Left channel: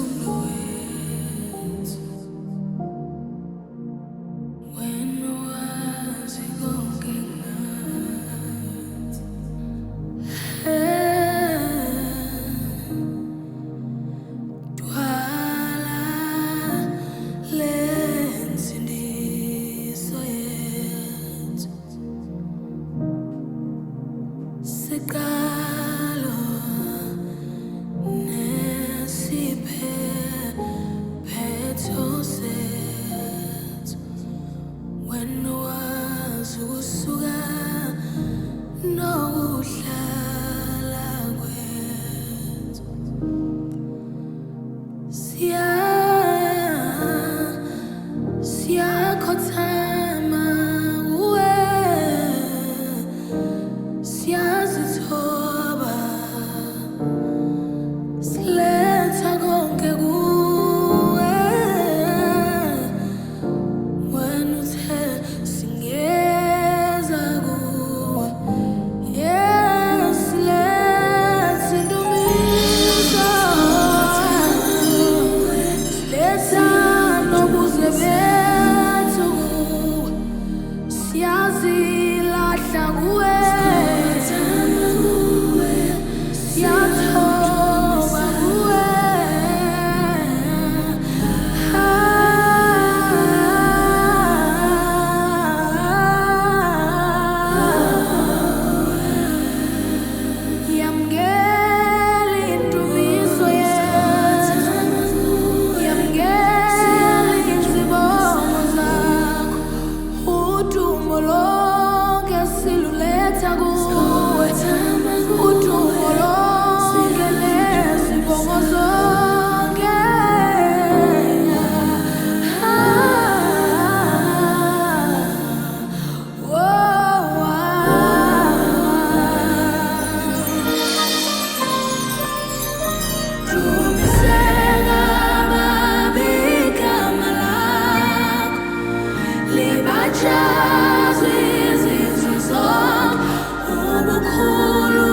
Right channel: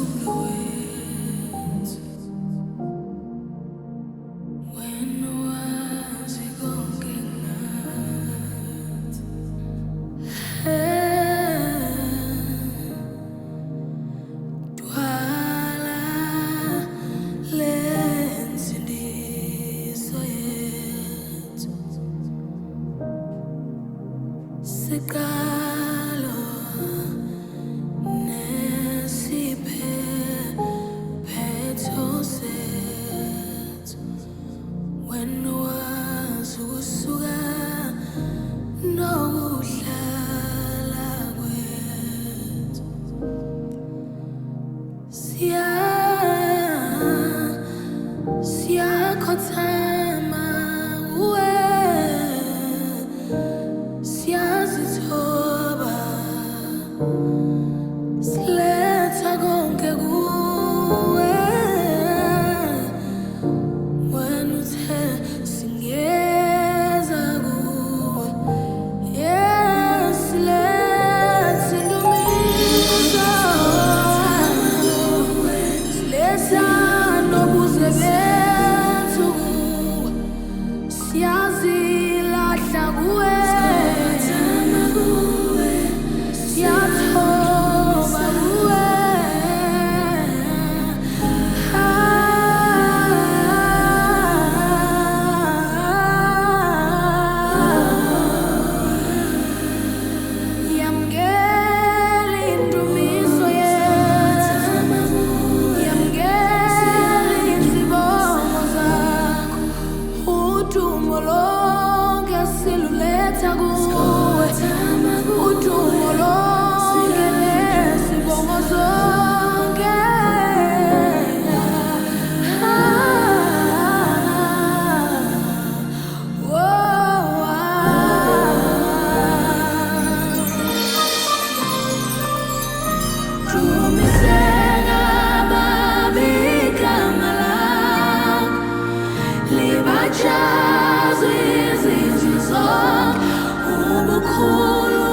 umphefumulo wethu wena wazi konke ngathi. Dwala lensindiso yethu sikalo nesiphetho sethu wena wazi ukusuka nokuhlala kwethu. Siyakhothama kuwe, siyazithoba, siletha konke kuwe. Wena uthe singeza kuwe, yes, siletha indumiso, siletha nobuze bethu kuwe, siyazilahla kuwe, siyathoba kuwe. Yamukela indumiso yethu, yamukela izibongo zakho, udumo lonke siluletha kuwe, udumo lonke nezibongo zonke. Dumiseka babi igama lakho, libajazwe izizwe zonke, ubukhulu